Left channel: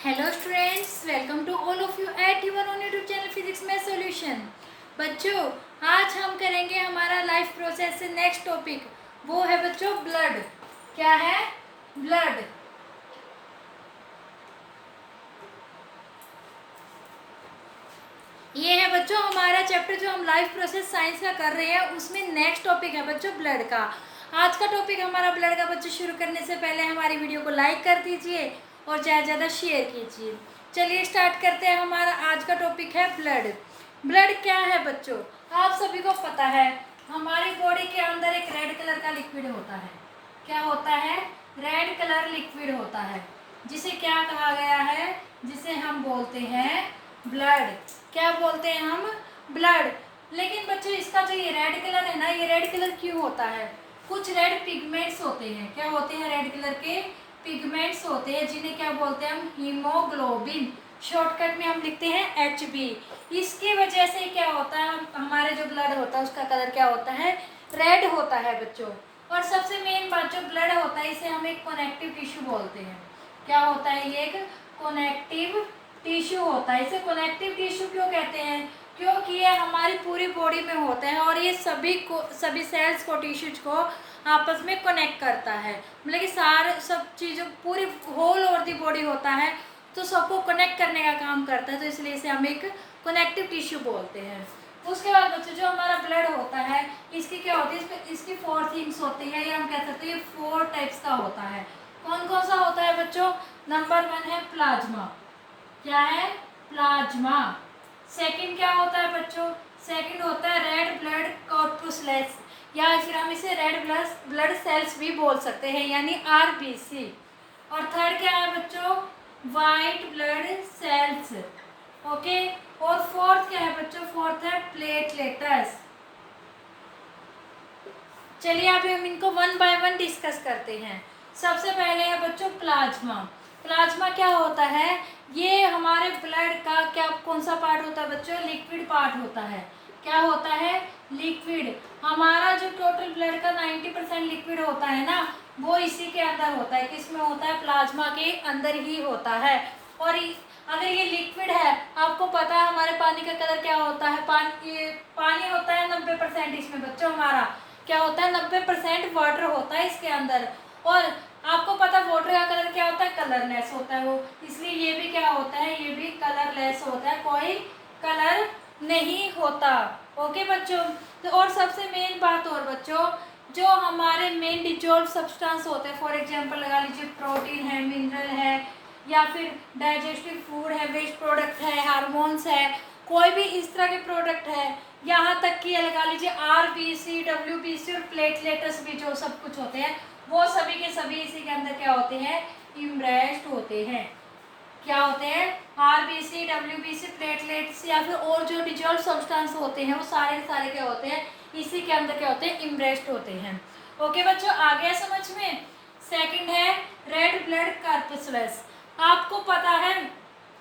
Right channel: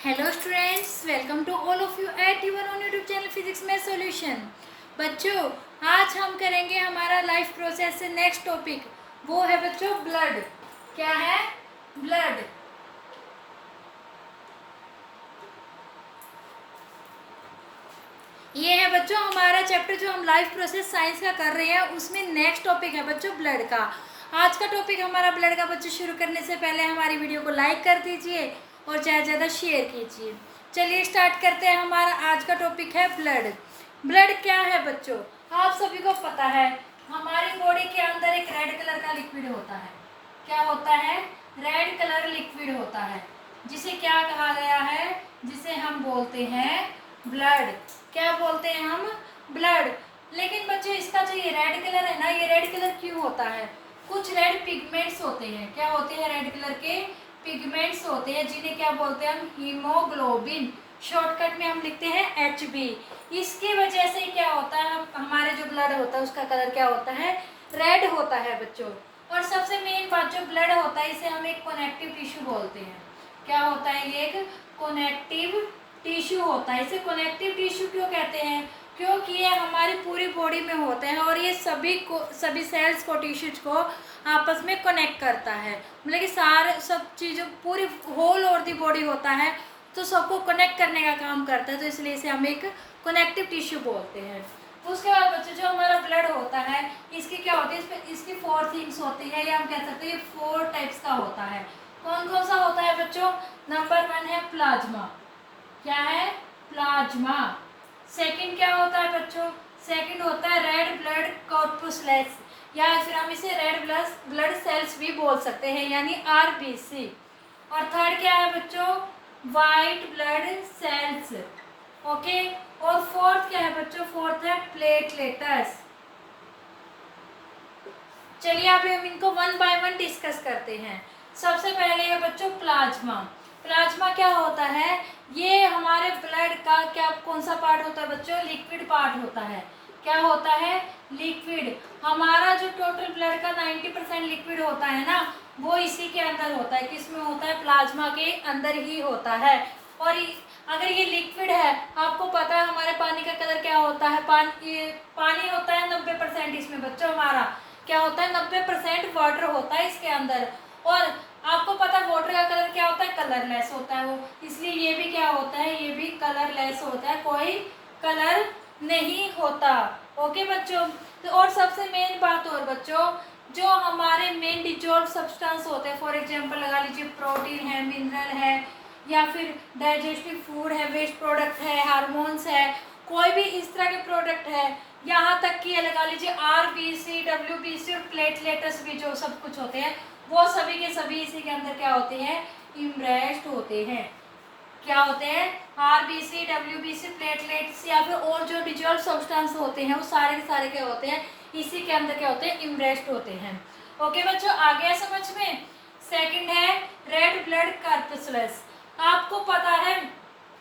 Hello students, welcome to all of you at your own YouTube channel physics में solution. बच्चों, आज हम करेंगे हमारा लाइफ प्रोसेस से नेक्स्ट टॉपिक। वो है बच्चों ब्लड। क्या है? ब्लड। ये है बच्चों हमारा चैप्टर जो हम लाइफ प्रोसेस साइंस का कर रहे हैं, उसमें नेक्स्ट टॉपिक है बच्चों ब्लड का। आज का टॉपिक हमारा ब्लड का। बच्चों, शुरू करने से पहले हमारी वीडियो को लाइक कर दीजिए और ज़्यादा से ज़्यादा शेयर कीजिए। चलिए स्टार्ट करते हैं। हमारा आज का टॉपिक है ब्लड। ब्लड क्या है बच्चों? आप सभी को पता है, हमारी बॉडी के अंदर एक रेड कलर का लिक्विड होता है। क्या होता है? रेड कलर लिक्विड होता है, जिसे क्या कहा गया है? जिसे हम बोलते हैं ब्लड। क्या बोलते हैं हम? ब्लड। लेकिन बच्चों, इसका जो ये रेड कलर है ना, ये रेड कलर क्यों होता है? कुछ रेड पिगमेंट्स होते हैं। क्या होते हैं? रेड कलर के पिगमेंट्स होते हैं, जिन्हें क्या बोलते हैं हम? हीमोग्लोबिन। शॉर्टकट में हम लिखते हैं HB। इसकी वजह से क्या होता है, हमारे जो ब्लड होता है उसका कलर क्या होता है? रेड होता है बच्चों। और सबसे मेन बात, जो ब्लड होता है इसे हम एक कनेक्टिव टिश्यू बोलते हैं। क्या होता है? ये एक कनेक्टिव टिश्यू होता है। इसे कनेक्टिव टिश्यू क्यों कहते हैं? क्योंकि ये हमारी पूरी बॉडी में होता है और ये सभी सेल्स को, टिश्यूज को आपस में कनेक्ट करता है। मतलब कि सब चीज़ों, पूरी होल और दी बॉडी होता है, तो सबको कनेक्ट करने का काम करता है। तो इसलिए इसे हम एक कनेक्टिव टिश्यू बोलते हैं। उसके बाद बच्चों, जो हमारा ब्लड होता है, इसकी क्या होती है? इसकी 4 थिंग्स होती है, या हम कह सकते हैं ये 4 टाइप्स का होता है। कौन कौन सा होता है बच्चों? नंबर 1 है प्लाज्मा। क्या है? प्लाज्मा। सेकंड क्या होता है बच्चों? सेकंड होता है रेड ब्लड कॉर्पुस्कुलस, या फिर हम इसे रेड ब्लड सेल्स भी बोल सकते हैं, यानी RBC। और थर्ड क्या है बच्चों? White blood cells. ओके। और फोर्थ क्या है बच्चों? फोर्थ है प्लेटलेट्स। चलिए अब हम इनको 1 बाय 1 डिस्कस करते हैं। सबसे पहले है बच्चों प्लाज्मा। प्लाज्मा क्या होता है? ये हमारे ब्लड का क्या, कौन सा पार्ट होता है बच्चों? लिक्विड पार्ट होता है। क्या होता है? लिक्विड। हमारा जो टोटल ब्लड का 90% लिक्विड होता है ना, वो इसी के अंदर होता है। किसमें होता है? प्लाज्मा के अंदर ही होता है। और अगर ये लिक्विड है, आपको पता है हमारे पानी का कलर क्या होता है? पानी होता है 90% इसमें बच्चों। हमारा क्या होता है? 90% वाटर होता है इसके अंदर। और आपको पता है वाटर का कलर क्या होता है? कलरलेस होता है वो। इसलिए ये भी क्या होता है? ये भी कलरलेस होता है, कोई कलर नहीं होता। ओके बच्चों। तो और सबसे मेन बात और बच्चों, जो हमारे मेन डिजॉल्व सब्सटेंस होते हैं, फॉर एग्जांपल लगा लीजिए प्रोटीन है, मिनरल है, या फिर डाइजेस्टिव फूड है, वेस्ट प्रोडक्ट है, हार्मोन्स है, कोई भी इस तरह के प्रोडक्ट है, यहाँ तक कि लगा लीजिए RBC, WBC और प्लेटलेट्स भी जो सब कुछ होते हैं, वो सभी के सभी इसी के अंदर क्या होते हैं? इम्ब्रेस्ड होते हैं। क्या होते हैं? RBC, WBC, प्लेटलेट्स या फिर और जो डिजॉल्व सब्सटेंस होते हैं, वो सारे के सारे क्या होते हैं? इसी के अंदर क्या होते हैं? इम्ब्रेस्ड होते हैं। ओके बच्चों, आ गया समझ में? सेकंड है रेड ब्लड कॉर्पुस्कुलस। आपको पता है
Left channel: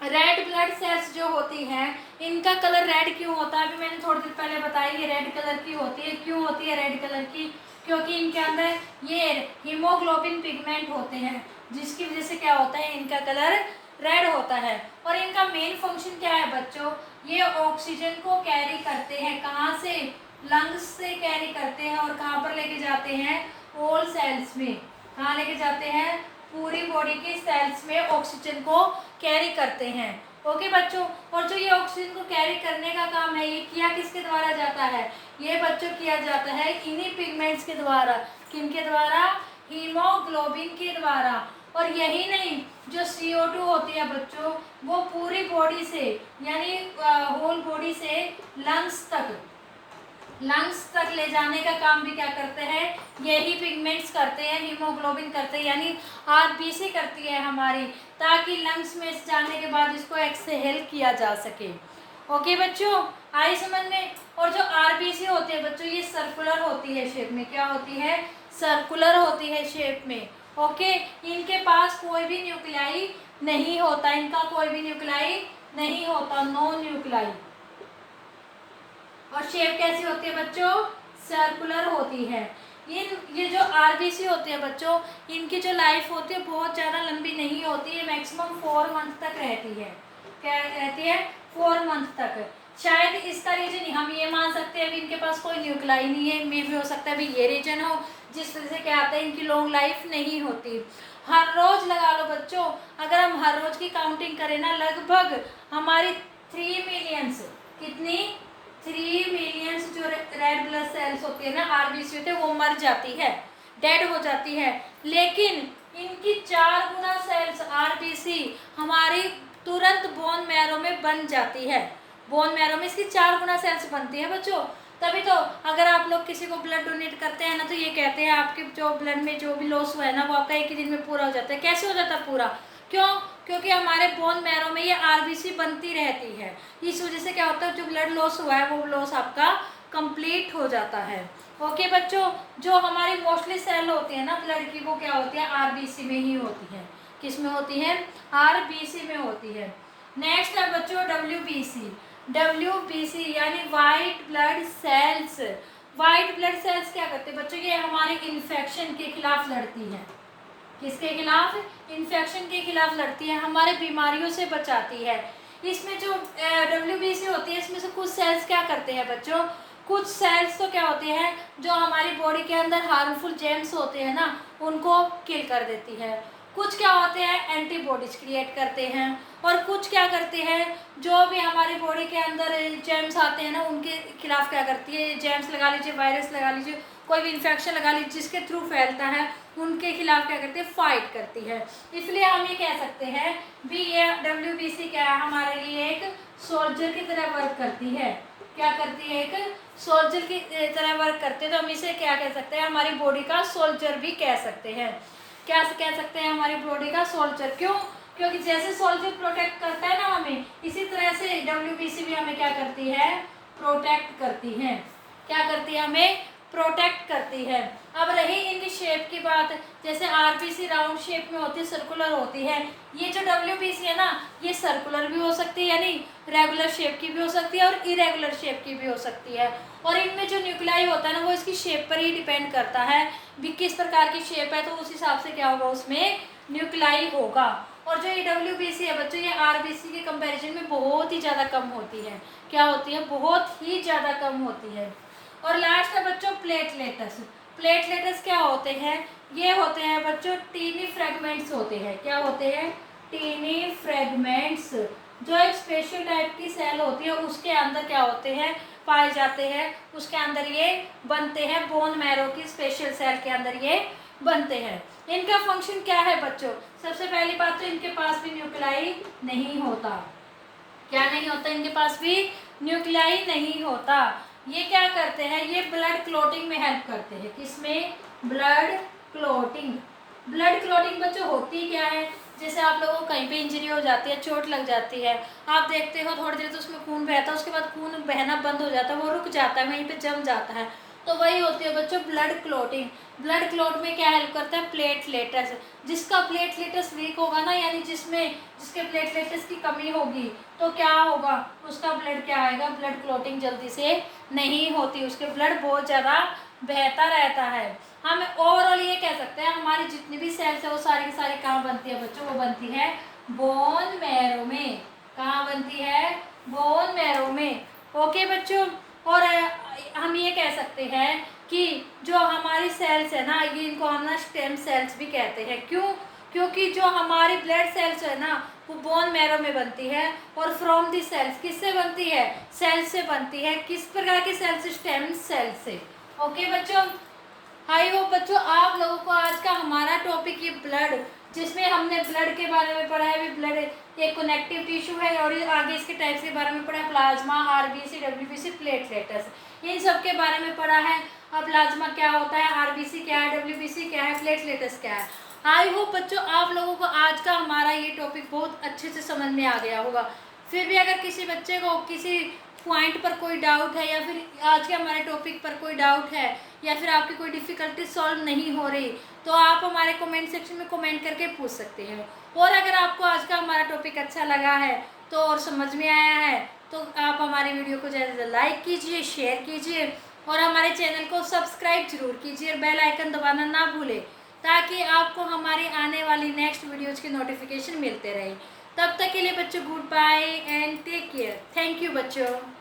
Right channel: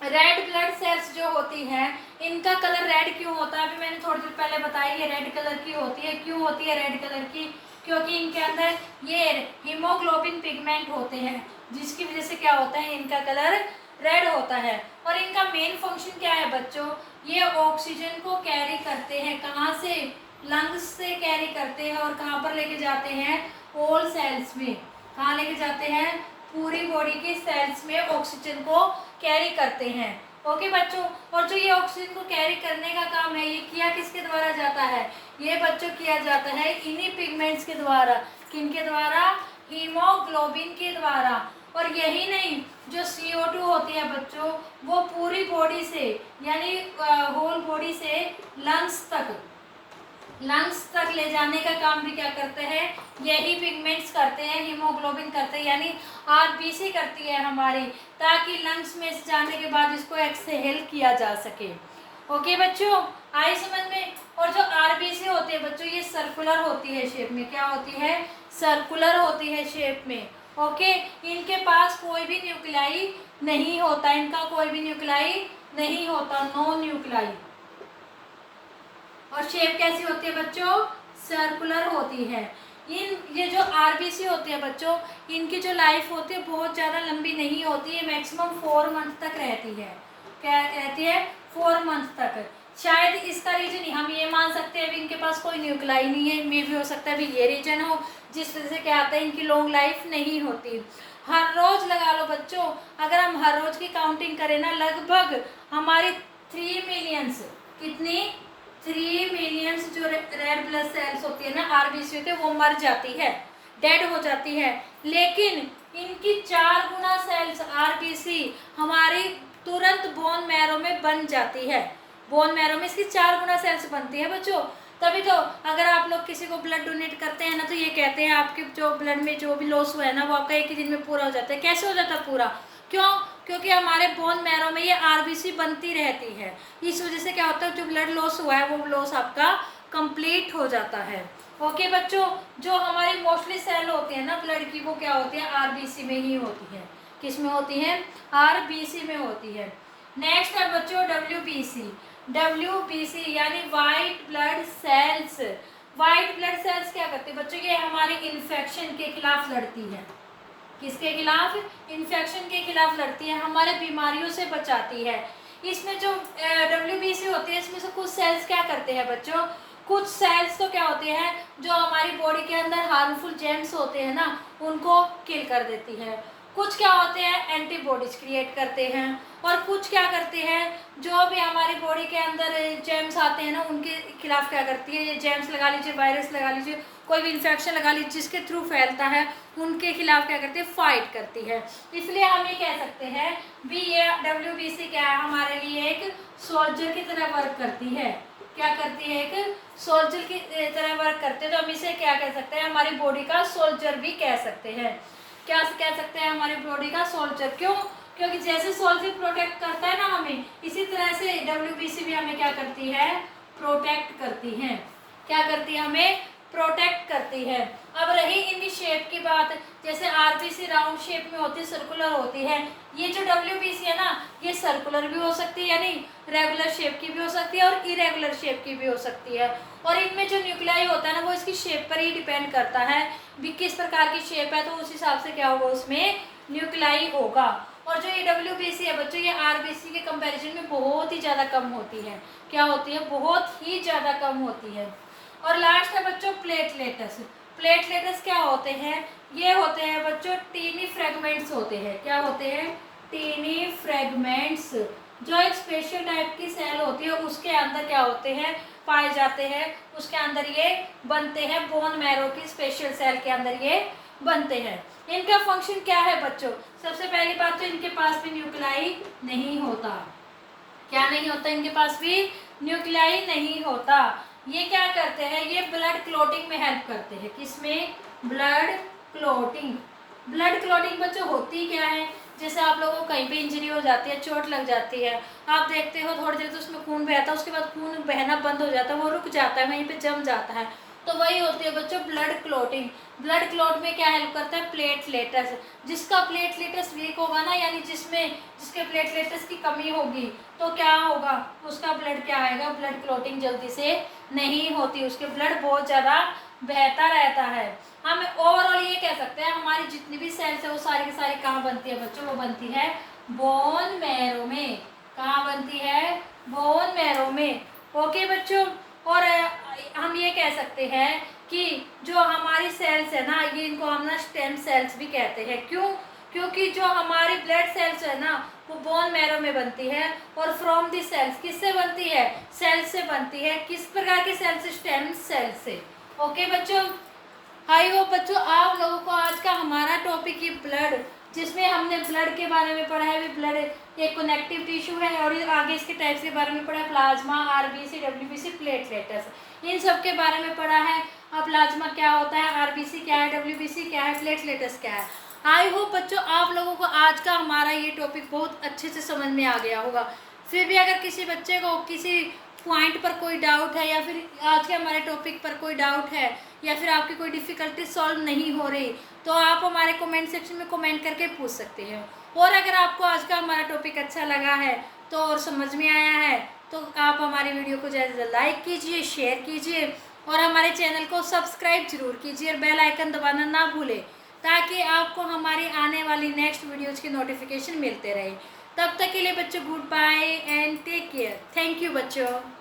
रेड ब्लड सेल्स जो होती हैं, इनका कलर रेड क्यों होता है? अभी मैंने थोड़ी देर पहले बताई, ये रेड कलर की होती है। क्यों होती है रेड कलर की? क्योंकि इनके अंदर ये हीमोग्लोबिन पिगमेंट होते हैं, जिसकी वजह से क्या होता है? इनका कलर रेड होता है। और इनका मेन फंक्शन क्या है बच्चों? ये ऑक्सीजन को कैरी करते हैं। कहाँ से? लंग्स से कैरी करते हैं। और कहाँ पर लेके जाते हैं? ऑल सेल्स में। कहाँ लेके जाते हैं? पूरी बॉडी की सेल्स में ऑक्सीजन को कैरी करते हैं। ओके बच्चों। और जो ये ऑक्सीजन को कैरी करने का काम है, ये किया किसके द्वारा जाता है? ये बच्चों किया जाता है इन्हीं पिगमेंट्स के द्वारा। किनके द्वारा? हीमोग्लोबिन के द्वारा। और यही नहीं, जो CO2 होती है बच्चों, वो पूरी बॉडी से, यानी होल बॉडी से लंग्स तक ले जाने का काम भी क्या करते हैं? यही पिगमेंट्स करते हैं, हीमोग्लोबिन करते हैं, यानी RBC करती है हमारी, ताकि लंग्स में जाने के बाद इसको एक्सहेल किया जा सके। ओके बच्चों, आई समझ में? और जो RBC होती है बच्चों, ये सर्कुलर होती है शेप में। क्या होती है? सर्कुलर होती है शेप में। ओके। इनके पास कोई भी न्यूक्लियाई नहीं होता, इनका कोई भी न्यूक्लियाई नहीं होता, नो न्यूक्लियाई। और शेप कैसी होती है बच्चों? सर्कुलर होती है। ये जो आरबीसी होती है बच्चों, इनकी जो लाइफ होती है बहुत ज़्यादा लंबी नहीं होती है, मैक्सिमम 4 मंथ तक रहती है। क्या रहती है? 4 मंथ तक। शायद इसका रीजन हम ये मान सकते हैं अभी इनके पास कोई न्यूक्लाई नहीं है, मे भी हो सकता है अभी ये रीजन हो जिस वजह से क्या आता है इनकी लॉन्ग लाइफ नहीं होती। हर रोज लगा लो बच्चों, अगर हम हर रोज की काउंटिंग करें ना, लगभग हमारी 3 मिलियंस, कितनी 3 मिलियंस जो रेड ब्लड सेल्स होती है ना, आरबीसी होती है, वो मर जाती है, डेड हो जाती है। लेकिन इनकी 4 गुना सेल्स आरबीसी हमारी तुरंत बोन मैरो में बन जाती है। बोन मैरो में इसकी 4 गुना सेल्स बनती है बच्चों। तभी तो अगर आप लोग किसी को ब्लड डोनेट करते हैं ना, तो ये कहते हैं आपके जो ब्लड में जो भी लॉस हुआ है ना, वो आपका एक ही दिन में पूरा हो जाता है। कैसे हो जाता है पूरा? क्यों? क्योंकि हमारे बोन मैरो में ये आरबीसी बनती रहती है। इस वजह से क्या होता है, जो ब्लड लॉस हुआ है वो लॉस आपका कंप्लीट हो जाता है। ओके बच्चों, जो हमारी मोस्टली सेल होती है ना ब्लड की, वो क्या होती है? आरबीसी में ही होती है। किस में होती है? आरबीसी में होती है। नेक्स्ट है बच्चों डब्ल्यूबीसी। डब्ल्यूबीसी यानी white blood cells. White blood cells क्या करते हैं बच्चों? ये हमारे इन्फेक्शन के खिलाफ लड़ती है। किसके खिलाफ? इन्फेक्शन के खिलाफ लड़ती है, हमारे बीमारियों से बचाती है। इसमें जो डब्ल्यूबीसी होती है, इसमें से कुछ सेल्स क्या करते हैं बच्चों? कुछ सेल्स तो क्या होते हैं, जो हमारी बॉडी के अंदर हार्मफुल जेम्स होते हैं ना, उनको किल कर देती है। कुछ क्या होते हैं, एंटीबॉडीज क्रिएट करते हैं। और कुछ क्या करते हैं, जो भी हमारी बॉडी के अंदर जेम्स आते हैं ना, उनके खिलाफ क्या करती है, जेम्स लगा लीजिए, वायरस लगा लीजिए, कोई भी इन्फेक्शन लगा लीजिए जिसके थ्रू फैलता है, उनके खिलाफ क्या करती है, फाइट करती है। इसलिए हम ये कह सकते हैं भी ये डब्ल्यूबीसी क्या है, हमारे लिए एक सोल्जर की तरह वर्क करती है। क्या करती है? एक सोल्जर की तरह वर्क करते हैं। तो हम इसे क्या कह सकते हैं, हमारी बॉडी का सोल्जर भी कह सकते हैं। क्या कह सकते हैं? हमारी बॉडी का सोल्जर। क्यों? क्योंकि जैसे सोल्जर प्रोटेक्ट करता है ना हमें, इसी तरह से डब्ल्यूबीसी भी हमें क्या करती है, प्रोटेक्ट करती है। क्या करती है? हमें प्रोटेक्ट करती है। अब रही इनकी शेप की बात, जैसे आरबीसी राउंड शेप में होती है, सर्कुलर होती है। ये जो डब्ल्यूबीसी है ना, ये सर्कुलर भी हो सकती है, यानी रेगुलर शेप की भी हो सकती है, और इरेगुलर शेप की भी हो सकती है। और इनमें जो न्यूक्लियाई होता है ना, वो इसकी शेप पर ही डिपेंड करता है भी किस प्रकार की शेप है, तो उस हिसाब से क्या होगा, उसमें न्यूक्लियाई होगा। और जो ये डब्ल्यूबीसी है बच्चों, ये आरबीसी के कंपैरिजन में बहुत ही ज़्यादा कम होती है। क्या होती है? बहुत ही ज़्यादा कम होती है। और लास्ट है बच्चों प्लेटलेट्स। प्लेटलेट्स क्या होते हैं? ये होते हैं बच्चों टीनी फ्रेगमेंट्स होते हैं। क्या होते हैं? टीनी फ्रेगमेंट्स, जो एक स्पेशल टाइप की सेल होती है, उसके अंदर क्या होते हैं, पाए जाते हैं। उसके अंदर ये बनते हैं, बोन मैरो की स्पेशल सेल के अंदर ये बनते हैं। इनका फंक्शन क्या है बच्चों? सबसे पहली बात तो इनके पास भी न्यूक्लियाई नहीं होता। क्या नहीं होता? इनके पास भी न्यूक्लियाई नहीं होता। ये क्या करते हैं? ये ब्लड क्लॉटिंग में हेल्प करते हैं। किसमें? Blood clotting. ब्लड क्लॉटिंग बच्चों होती क्या है? जैसे आप लोगों को कहीं पे इंजरी हो जाती है, चोट लग जाती है, आप देखते हो थोड़ी देर तो उसमें खून बहता है, उसके बाद खून बहना बंद हो जाता है, वो रुक जाता है, वहीं पे जम जाता है, तो वही होती है बच्चों ब्लड क्लॉटिंग। ब्लड क्लॉट में क्या हेल्प करता है? प्लेटलेट्स। जिसका प्लेटलेट्स वीक होगा ना, यानी जिसके प्लेटलेट्स की कमी होगी, तो क्या होगा, उसका ब्लड क्या आएगा, ब्लड क्लॉटिंग जल्दी से नहीं होती, उसके ब्लड बहुत ज़्यादा बहता रहता है। हम ओवरऑल ये कह सकते हैं हमारी जितनी भी सेल्स है वो सारी की सारी कहाँ बनती है बच्चों? वो बनती है बोन मैरो में। कहाँ बनती है? बोन मैरो में। ओके बच्चों, और हम ये कह सकते हैं कि जो हमारी सेल्स है ना, ये इनको हम ना स्टेम सेल्स भी कहते हैं। क्यों? क्योंकि जो हमारी ब्लड सेल्स है ना, वो बोन मैरो में बनती है, और फ्रॉम दी सेल्स किससे बनती है? सेल्स से बनती है। किस प्रकार की सेल्स? स्टेम सेल्स से। ओके बच्चों, आई होप बच्चों आप लोगों को आज का हमारा टॉपिक ये ब्लड, जिसमें हमने ब्लड के बारे में पढ़ा है, भी ब्लड एक कनेक्टिव टिश्यू है, और आगे इसके टाइप्स के बारे में पढ़ा है, प्लाज्मा, आरबीसी, डब्ल्यूबीसी, प्लेटलेट्स, इन सब के बारे में पढ़ा है। अब प्लाज्मा क्या होता है, आरबीसी क्या है, डब्ल्यूबीसी क्या है, प्लेटलेट्स क्या है। आई होप बच्चों आप लोगों को आज का हमारा ये टॉपिक बहुत अच्छे से समझ में आ गया होगा। फिर भी अगर किसी बच्चे को किसी पॉइंट पर कोई डाउट है, या फिर आज के हमारे टॉपिक पर कोई डाउट है, या फिर आपकी कोई डिफ़िकल्टी सॉल्व नहीं हो रही, तो आप हमारे कमेंट सेक्शन में कमेंट करके पूछ सकते हैं। और अगर आपको आज का हमारा टॉपिक अच्छा लगा है तो और समझ में आया है, तो आप हमारी वीडियो को ज़्यादा से ज़्यादा लाइक कीजिए, शेयर कीजिए, और हमारे चैनल को सब्सक्राइब जरूर कीजिए और बेल आइकन दबाना ना भूलें, ताकि आपको हमारी आने वाली नेक्स्ट वीडियोज़ की नोटिफिकेशन मिलते रहे। तब तक के लिए बच्चों goodbye and take care. Thank you बच्चों।